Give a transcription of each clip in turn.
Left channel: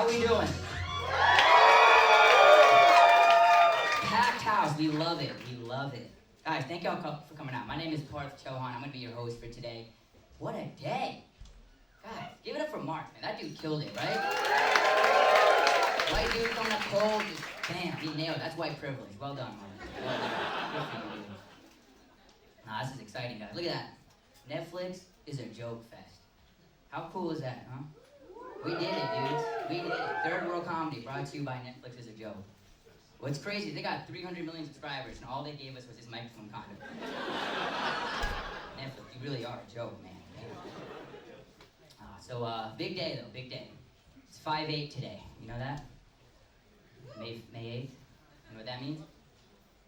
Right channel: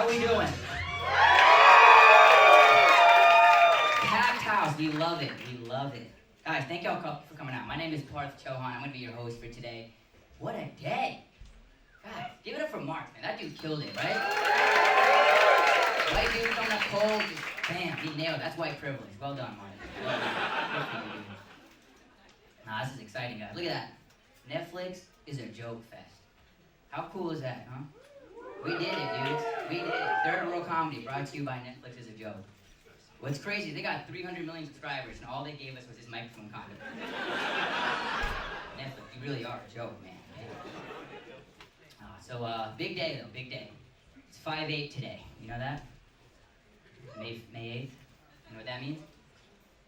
How we doing? Packed house. We love it. We love it. Guys, thank y'all for coming out. My name is Parth, Chauhan. I'm going to be your host for today. What a day. God, give it up for Mark, man. That dude killed it, right? White dude coming up cold. Just, bam, he nailed it. That's white privilege. Well done, Mark. Well done. Good for you, dude. Nah, this is exciting, guys. Look at that. Netflix is a joke fest. How cool is that, huh? We did it, dudes. We did it. Third World Comedy brought to you by Netflix is a joke. What's crazy, they got 300 million subscribers, and all they gave us was this microphone condom. Netflix, you really are a joke, man. Big day, though, big day. It's 5/8 today. You know that? May 8th. You know what that means?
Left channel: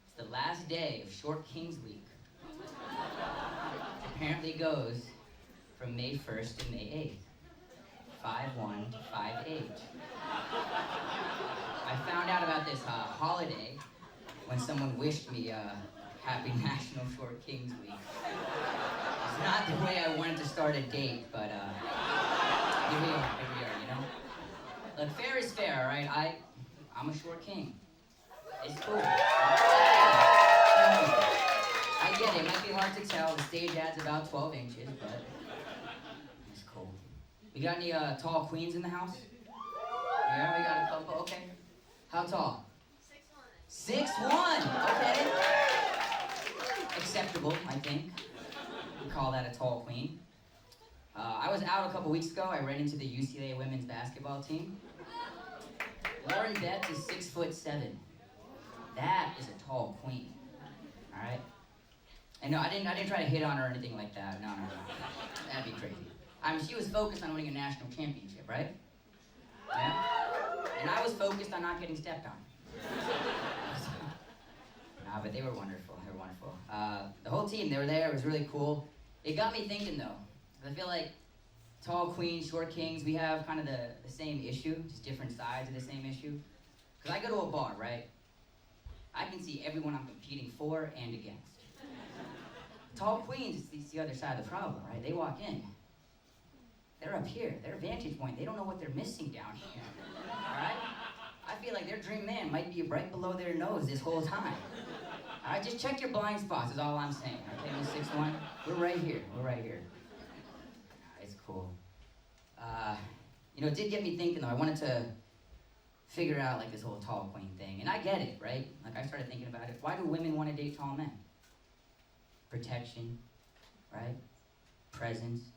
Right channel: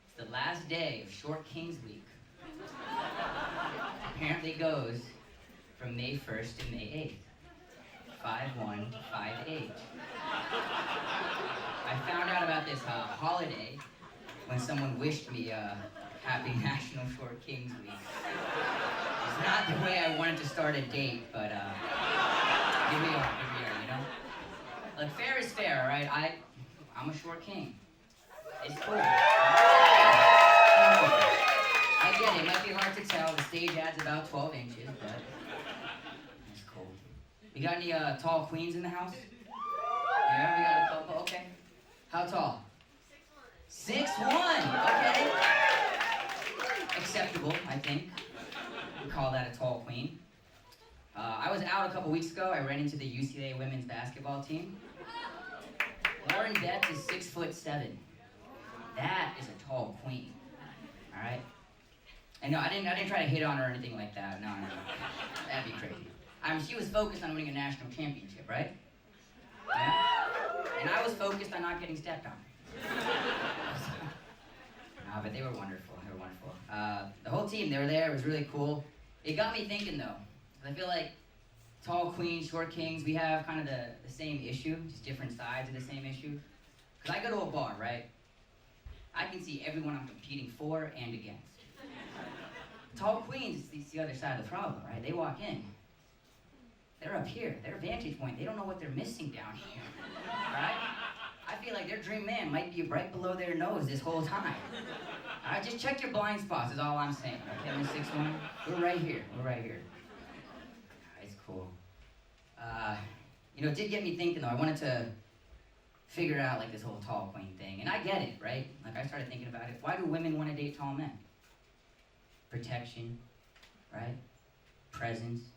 It's the last day of Short Kings Week. Apparently goes from May 1st to May 8th. 5/1/5/8. I found out about this holiday when someone wished me Happy National Short Kings Week. It's not the way I wanted to start a date, but here we are, you know? Look, fair is fair, right? I'm a short king. It's cool. I get it. It might be hard to tell. The stage ad's about 12 inches, but it's cool. You got any tall queens in the house? Yeah, we got a couple. Okay. How tall? 6'1". Okay. Acceptable, I think. We call that a tall queen. I was out a couple weeks ago. I ran into the UCLA women's basketball team. Lauren Betts is 6'7". That is a tall queen. All right. And no, I didn't try to hit on her or anything like that. No. That'd be crazy. She was focused on winning a national championship, right? Yeah. And I was focused on not getting stepped on. But they were wonderful. They were wonderful. The whole team, they were there. It was really cool. It got me thinking, though. I feel like tall queens, short kings, we have kind of the same issue, just different sides of the same issue. Because I go to a bar, right? I can see everyone I'm competing for and against. Tall queens, it's the other side of the problem, right? They walk in. They're up here. Their vantage point, they don't know what they're missing down here, right? I feel like their dream man might be right below their nose this whole time. All right, just check your blind spots is all I'm saying, okay, Miss 6'1"? We're right here. It's cool. It did get me thinking, though. I wanted to figure out, like, this whole tall queen thing. And I get it, right? Like, I started thinking about it. Why do women want to date tall men? Protection, right? Presence,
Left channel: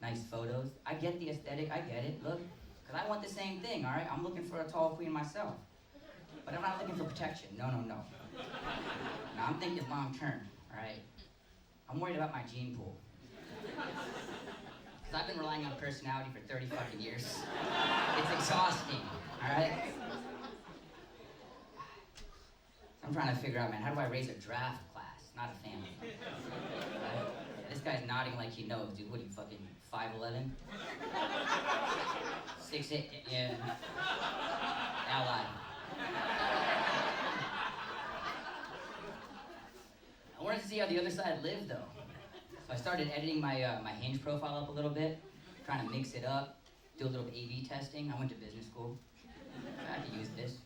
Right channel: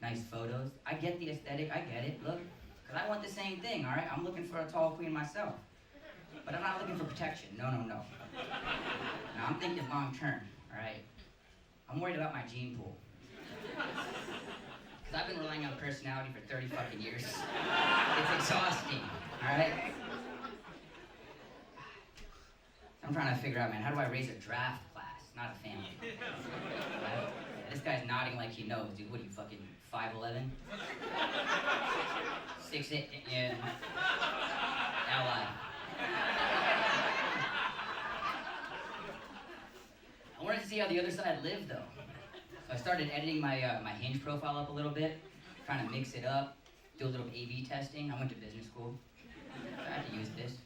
nice photos. I get the aesthetic. I get it. Look, because I want the same thing, all right? I'm looking for a tall queen myself. But I'm not looking for protection. No. Now, I'm thinking long term, all right? I'm worried about my gene pool. Because I've been relying on personality for 30 fucking years. It's exhausting, all right? I'm trying to figure out, man, how do I raise a draft class, not a family? Right? This guy's nodding like he knows, dude. What are you, fucking 5'11"? 6'8", yeah. Ally. I wanted to see how the other side lived, though. So I started editing my Hinge profile up a little bit, trying to mix it up, do a little A/B testing. I went to business school, so I could use this.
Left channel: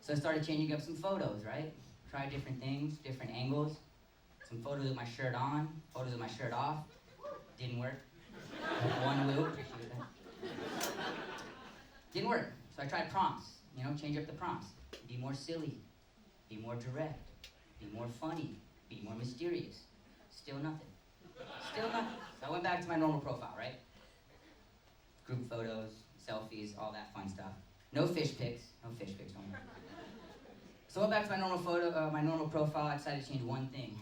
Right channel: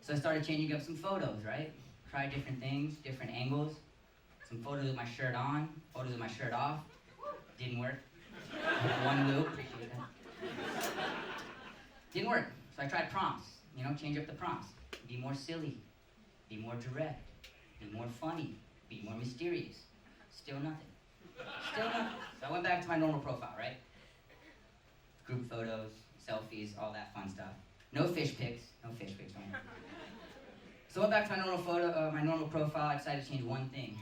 So I started changing up some photos, right? Try different things, different angles. Some photos with my shirt on, photos with my shirt off. Didn't work. One loop, appreciate that. Didn't work. So I tried prompts, change up the prompts. Be more silly, be more direct, be more funny, be more mysterious. Still nothing. So I went back to my normal profile, right? Group photos, selfies, all that fun stuff. No fish pics, don't worry. So I went back to my normal profile. I decided to change one thing,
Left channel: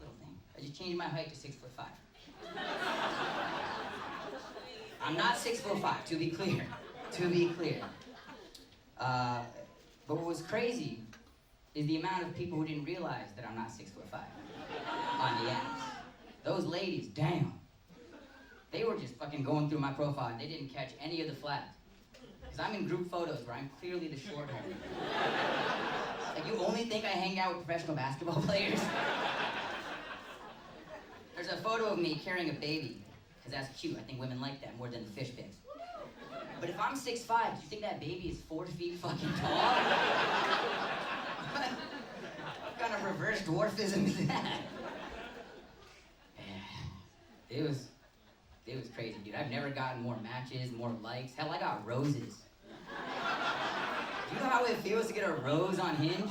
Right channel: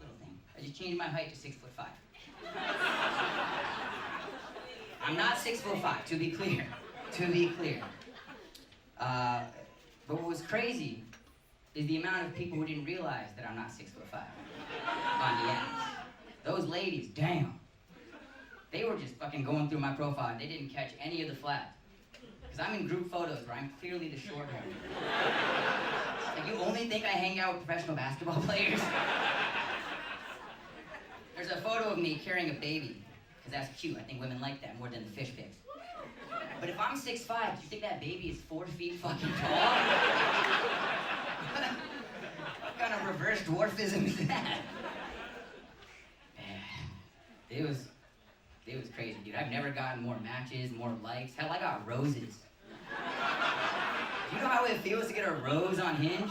little thing. I just changed my height to 6'5". I'm not 6'5", to be clear. But what was crazy is the amount of people who didn't realize that I'm not 6'5" on the apps. Those ladies, damn. They were just fucking going through my profile and they didn't catch any of the flags. Because I'm in group photos where I'm clearly the short one. Like, you only think I hang out with professional basketball players? There's a photo of me carrying a baby, because that's cute. I think women like that more than the fish pics. But if I'm 6'5", do you think that baby is 4 feet fucking tall? What kind of reverse dwarfism is that? It was crazy, dude. I've never gotten more matches, more likes. Hell, I got roses. Do you know how it feels to get a rose on Hinge?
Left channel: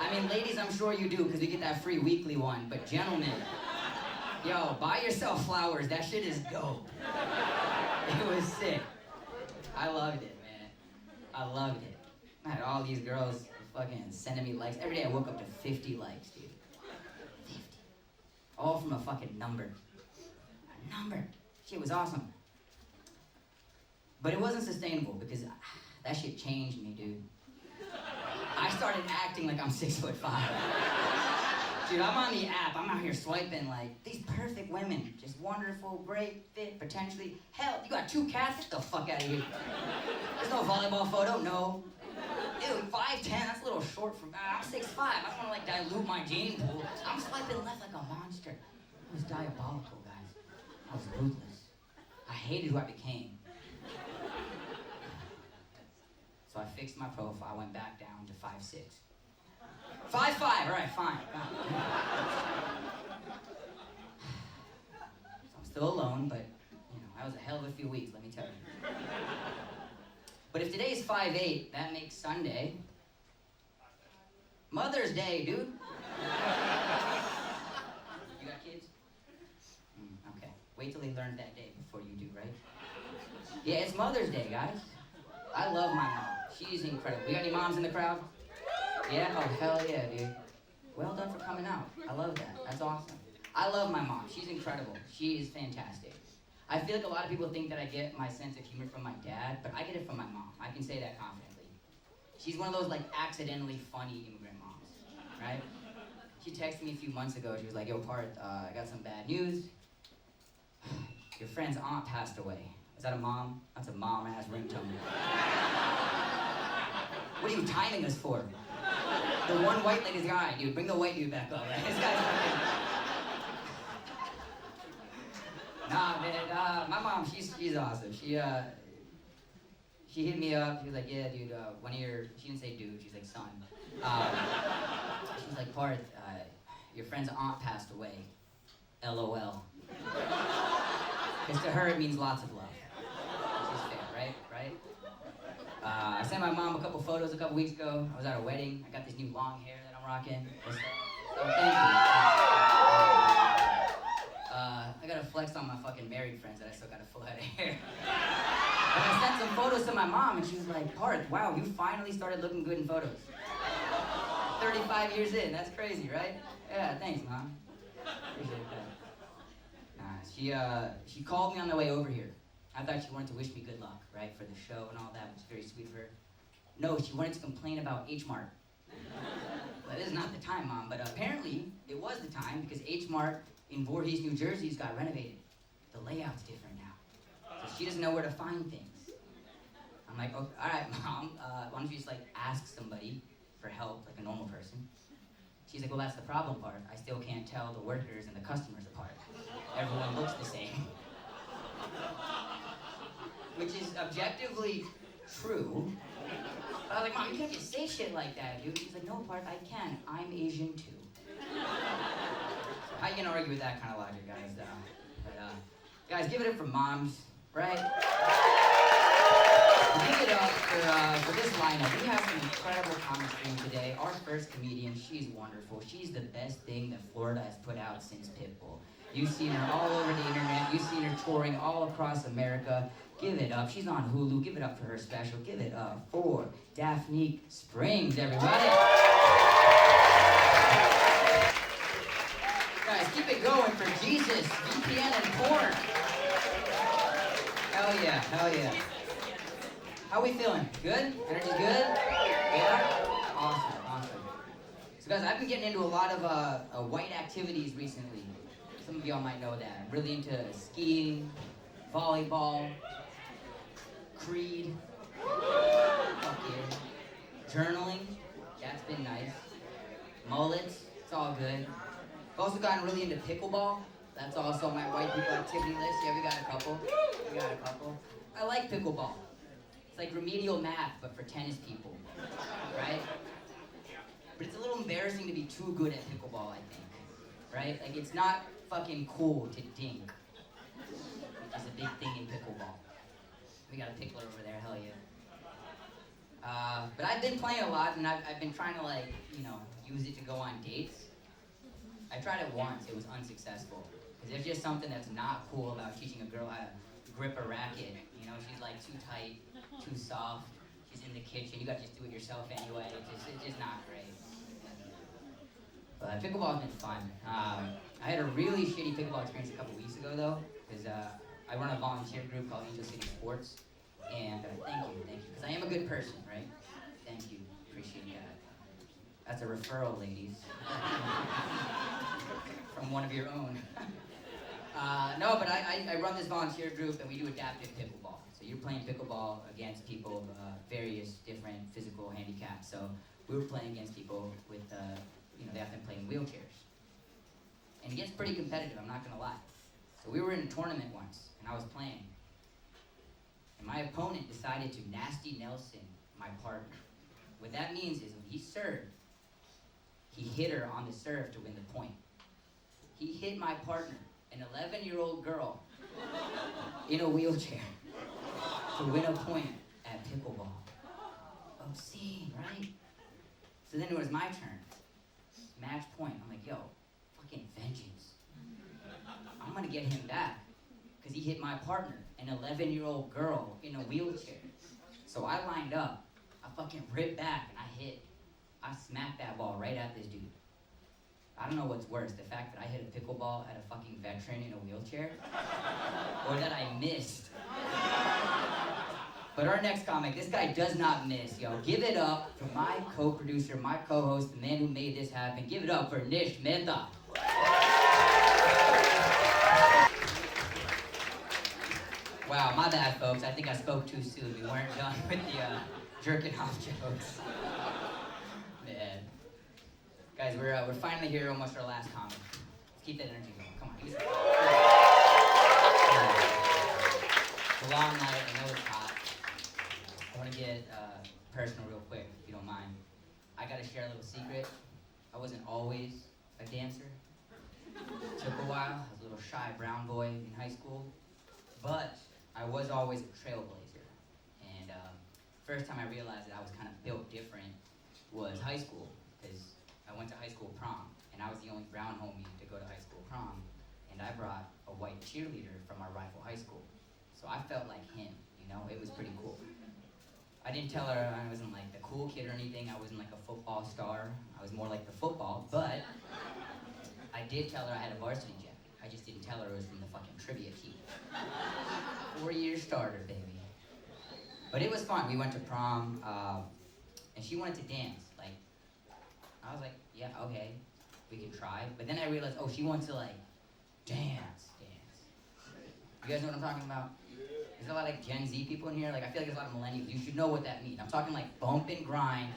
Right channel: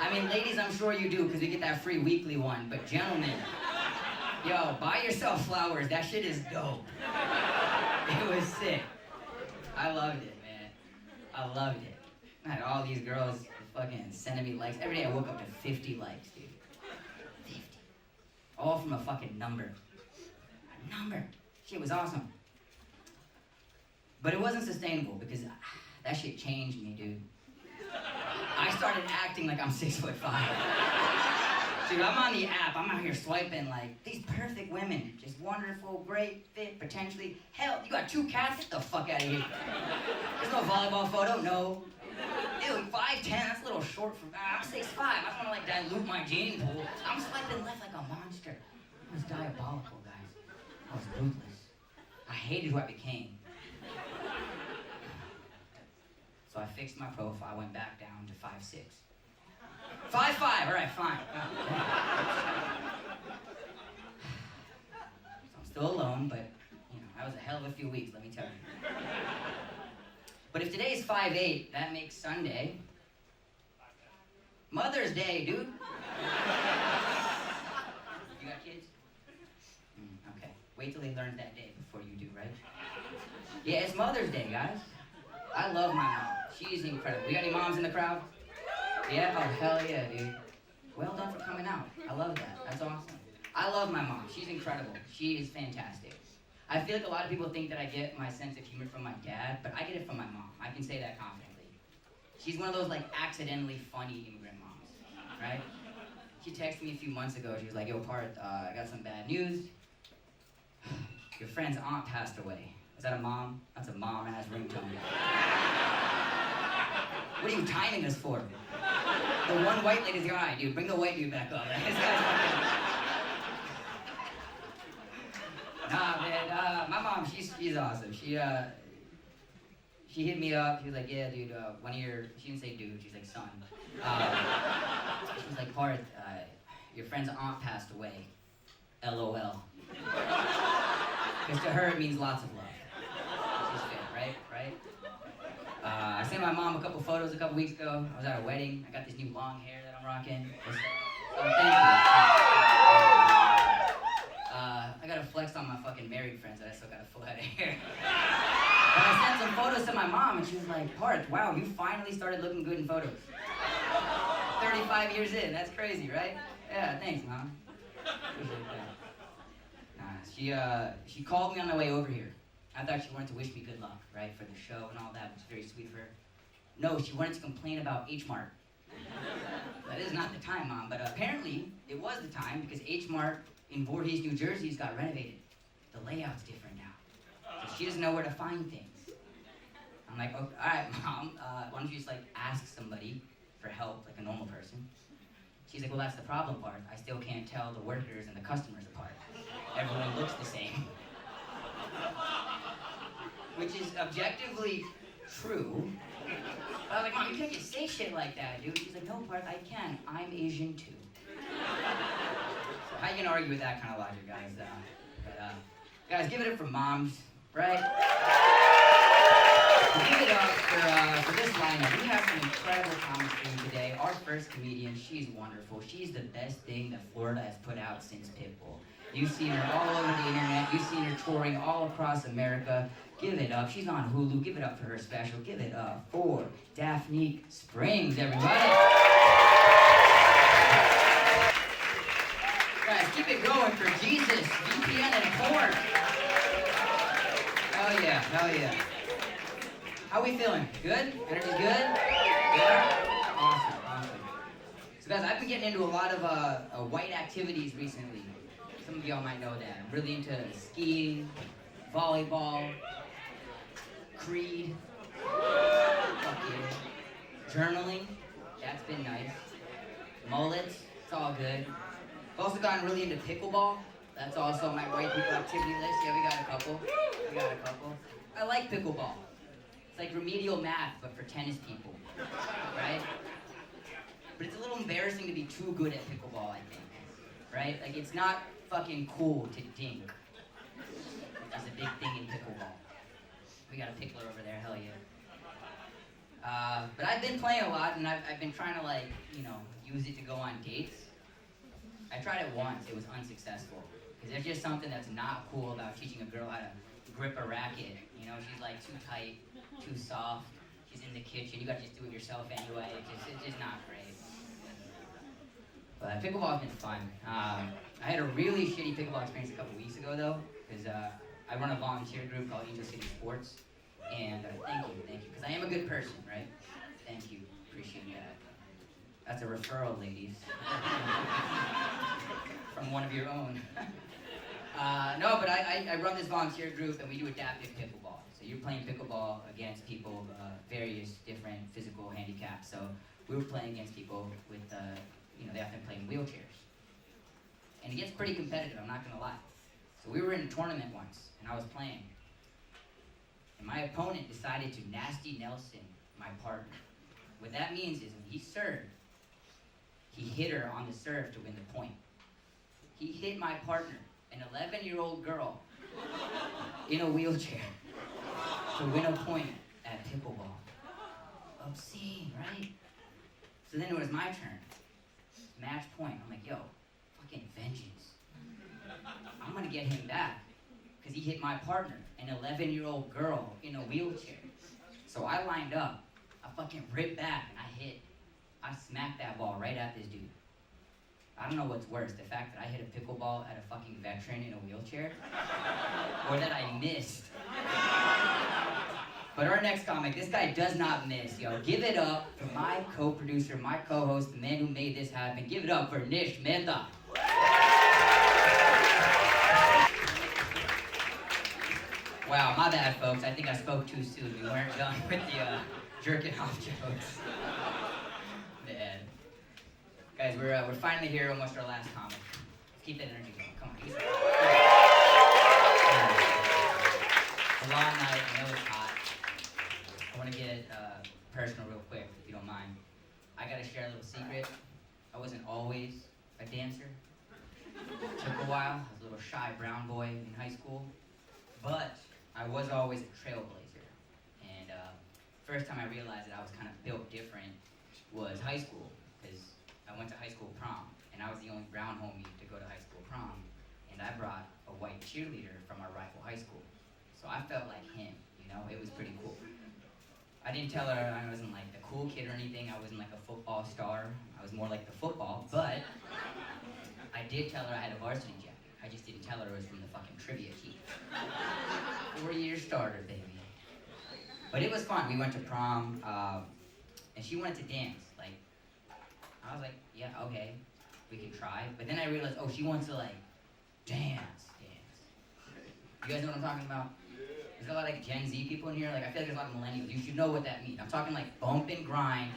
I mean, ladies, I'm sure you do, because you get that free weekly one. But gentlemen, yo, buy yourself flowers. That shit is dope. It was sick. I loved it, man. I loved it. I had all these girls fucking sending me likes. Every day I woke up to 50 likes, dude. 50. All from a fucking number. A number. Shit was awesome. But it wasn't sustainable because that shit changed me, dude. I started acting like I'm 6'5". Dude, I'm on the app. I'm out here swiping like these perfect women. Just wonderful, great, fit, potentially. Hell, you got 2 cats? Get the fuck out of here. There's no volleyball photo, no. Dude, 5'10", that's a little short for me. I'm 6'5". I don't want to like dilute my gene pool. I'm swiping left like a monster. It was diabolical, guys. I was ruthless. I hated who I became. So I fixed my profile, went back down to 5'6". 5'5", all right, fine. So I'm still alone, but you know, that was a hell of a few weeks, let me tell you. But if today's 5'8", that makes Sunday Mother's Day, dude. You got kids? Okay. Wait till they learn that day before you do, right? Yeah, it's Mother's Day, guys. I love my mom. She's incredible. We got any moms in the crowd? Yeah? Oh, hell yeah, dude. Well done for coming out. I love that. That's awesome. I love my mom. She's incredible. She is fantastic. I feel like a lot of people think that I get my sense of humor from my dad, but I get it from my mom. I can say that confidently. She's one of those, like, accidentally funny immigrant moms, right? She texted me a few months ago. She was like, yo, Parth, I got some bad news. Your friend's aunt passed away. Is that a mom? That's a mom-ass ringtone. What are you timing this for? The one white-legged guy, dude. Bring the white dude back up. Right? This guy's fucking... Nah, man. My mom, she's awesome. She hit me up. She was like, yeah, dude. One of your... She didn't say dude. She's like son. She was like, Parth, your friend's aunt passed away. LOL. Because to her, it means lots of love. Which is fair, right? I sent my mom a couple photos a couple weeks ago. I was at a wedding. I got this new long hair that I'm rocking. Oh, thank you. I gotta flex on my fucking married friends that I still got a full head of hair. And I sent some photos to my mom, and she was like, Parth, wow, you finally started looking good in photos. 35 years in, that's crazy, right? Yeah, thanks, Mom. Appreciate that. She called me on the way over here. I thought she wanted to wish me good luck, right, for the show and all that, which is very sweet of her. No, she wanted to complain about H-Mart. That is not the time, Mom, but apparently it was the time because H-Mart in Voorhees, New Jersey's got renovated. The layout's different now. So she doesn't know where to find things. I'm like, okay, all right, Mom, why don't you just like ask somebody for help like a normal person? She's like, well, that's the problem part. I still can't tell the workers and the customers apart. Everyone looks the same. Which is objectively true. But I was like, Mom, you can't just say shit like that, dude. She's like, no, Parth, I can. I'm Asian too. So how you gonna argue with that kind of logic, guys? Guys, give it up for moms, right? Give it up for this lineup. We have some incredible comic stream today. Our first comedian, she's wonderful. She's the best thing that Florida has put out since Pitbull. You've seen her all over the internet. You've seen her touring all across America. Give it up. She's on Hulu. Give it up for her special. Give it up for Daphne Springs, everybody. Guys, keep it going for Jesus, VPN, and porn. Hell yeah, hell yeah. How we feeling? Good? Energy good? Yeah? Awesome, awesome. So guys, I've been getting into a lot of white activities recently. Some of y'all might know that. I'm really into skiing, volleyball, Creed, fuck yeah. Journaling, that's been nice. Mullets, it's all good. I've also gotten really into pickleball. That's also on my white people activity list. Yeah, we got a couple. I like pickleball. It's like remedial math, but for tennis people, right? But it's a little embarrassing to be too good at pickleball, I think, right? Like, it's not fucking cool to dink, which is a big thing in pickleball. We got a pickler over there, hell yeah. But I've been playing a lot, and I've been trying to, like, use it to go on dates. I tried it once, it was unsuccessful. Because there's just something that's not cool about teaching a girl how to grip a racket. She's like too tight, too soft. She's in the kitchen, you gotta just do it yourself anyway. It's just not great. But pickleball's been fun. I had a really shitty pickleball experience a couple weeks ago though, because I run a volunteer group called Angel City Sports. And thank you, because I am a good person, right? Thank you, appreciate that. That's a referral, ladies. From one of your own. No, but I run this volunteer group and we do adaptive pickleball. So you're playing pickleball against people of various different physical handicaps. So we were playing against people with, they often play in wheelchairs. And it gets pretty competitive, I'm not gonna lie. So we were in a tournament once and I was playing. And my opponent decided to nasty Nelson my partner. What that means is when he served, he hit her on the serve to win the point. He hit my partner, an 11-year-old girl, in a wheelchair, to win a point at pickleball. Obscene, right? So then it was my turn. Match point. I'm like, yo, fucking vengeance. I'm gonna get him back, because he hit my partner, an 11-year-old girl in a wheelchair. So I lined up, I fucking ripped back, and I smacked that ball right at this dude. I don't know what's worse, the fact that I hit a pickleball at a fucking veteran in a wheelchair, or that I missed. But our next comic, this guy does not miss, yo. Give it up for my co-producer, my co-host, the man who made this happen. Give it up for Nish Mehta. Wow, my bad, folks. I think I spoke too soon. We weren't done with the jerking off jokes. Man. Guys, we're finally here, almost our last comic. Let's keep that energy going. Come on. It's a long night. I know it's hot. I want to get personal real quick, if you don't mind. I got to share a little secret. I wasn't always a dancer. It took a while. I was a little shy brown boy in high school. But I was always a trailblazer. And first time I realized that I was kind of built different was high school. Because I went to high school prom, and I was the only brown homie to go to high school prom. And I brought a white cheerleader from our rival high school. So I felt like him, it was pretty cool. I didn't tell her I wasn't like the cool kid or anything. I wasn't like a football star. I was more like the football, but I did tell her I had a varsity jacket. I just didn't tell her it was from the fucking trivia team. 4-year starter, baby. But it was fun. We went to prom, and she wanted to dance. I was like, yeah, okay, we can try. But then I realized, oh, she wants to dance. You guys know what I'm talking about? There's a lot of Gen Z people in here. I feel like there's a lot of millennials. You should know what that means. I'm talking bump and grind,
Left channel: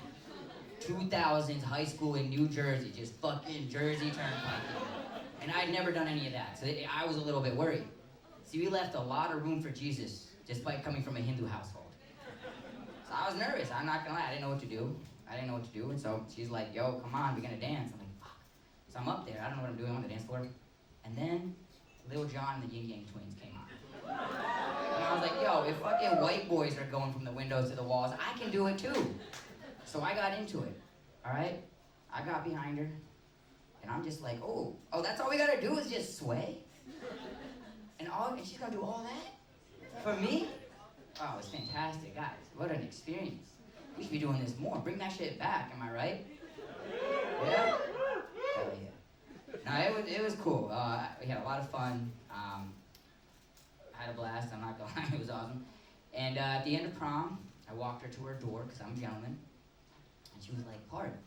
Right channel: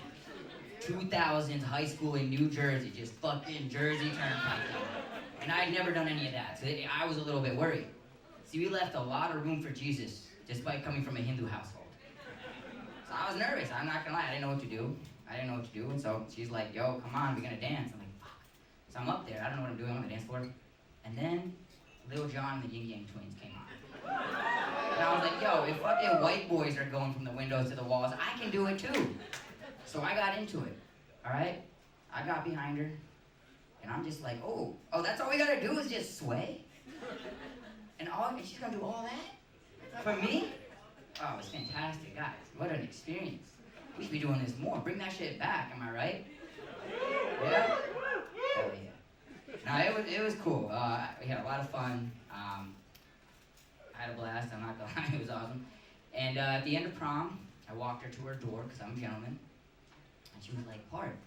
2000s high school in New Jersey, just fucking Jersey Turnpike. And I'd never done any of that, so I was a little bit worried. See, we left a lot of room for Jesus, despite coming from a Hindu household. So I was nervous, I'm not gonna lie, I didn't know what to do. And so she's like, yo, come on, we're gonna dance. I'm like, fuck. So I'm up there, I don't know what I'm doing on the dance floor. And then Lil Jon and the Yin Yang Twins came on. And I was like, yo, if fucking white boys are going from the windows to the walls, I can do it too. So I got into it, all right? I got behind her, and I'm just like, oh, that's all we gotta do is just sway? And she's gonna do all that? For me? Oh, it's fantastic, guys. What an experience. We should be doing this more. Bring that shit back, am I right? Yeah? Hell yeah. No, it was cool. We had a lot of fun. I had a blast, I'm not gonna lie, it was awesome. And at the end of prom, I walked her to her door, because I'm a gentleman. And she was like, Parth,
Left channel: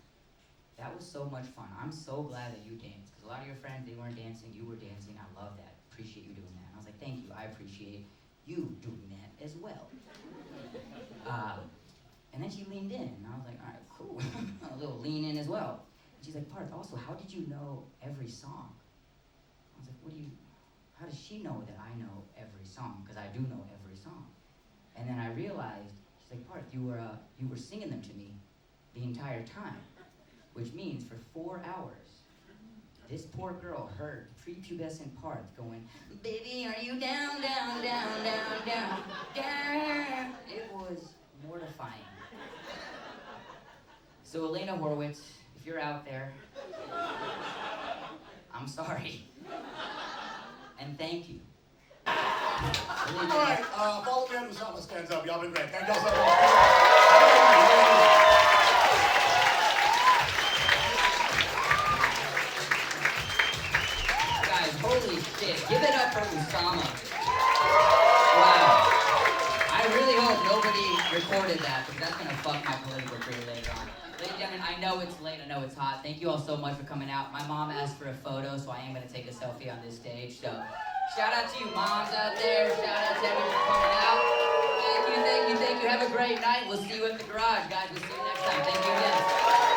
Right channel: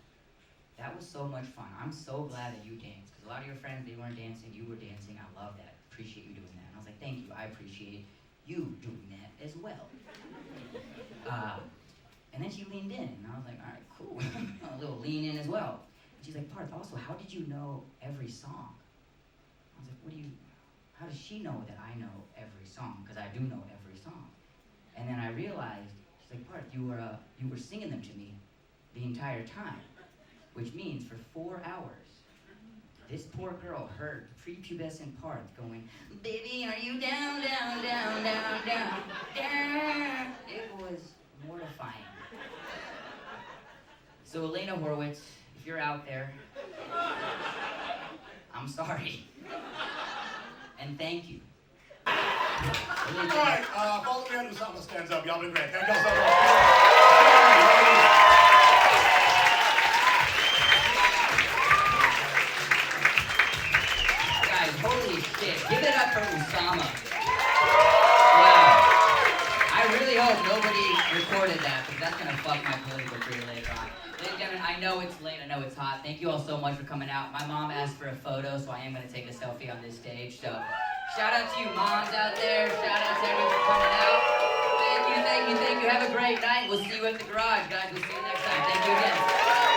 that was so much fun. I'm so glad that you danced. Because a lot of your friends, they weren't dancing, you were dancing. I love that. Appreciate you doing that. And I was like, thank you. I appreciate you doing that as well. And then she leaned in, and I was like, all right, cool. A little lean in as well. And she's like, Parth, also, how did you know every song? I was like, how does she know that I know every song? Because I do know every song. And then I realized She's like, Parth, you were singing them to me the entire time, which means for 4 hours, this poor girl heard prepubescent Parth going, baby, are you down, down, down, down, down, down? It was mortifying. So Elena Horowitz, if you're out there, I'm sorry. And thank you. All right, follow me on Usama stands up. Y'all been great. Thank y'all so much. Guys, holy shit. Give it up for Usama. Wow. I really hope nobody recorded that, because that's going to fuck my political career later on. Ladies and gentlemen, I know it's late, I know it's hot. Thank you all so much for coming out. My mom asked for a photo, so I am going to take a selfie on this stage. So, shout out to you moms out there. Shout out to everyone for coming out. Thank you, thank you, thank you. Have a great night. We'll see you at the garage, guys. We'll see you next time. Thank you again.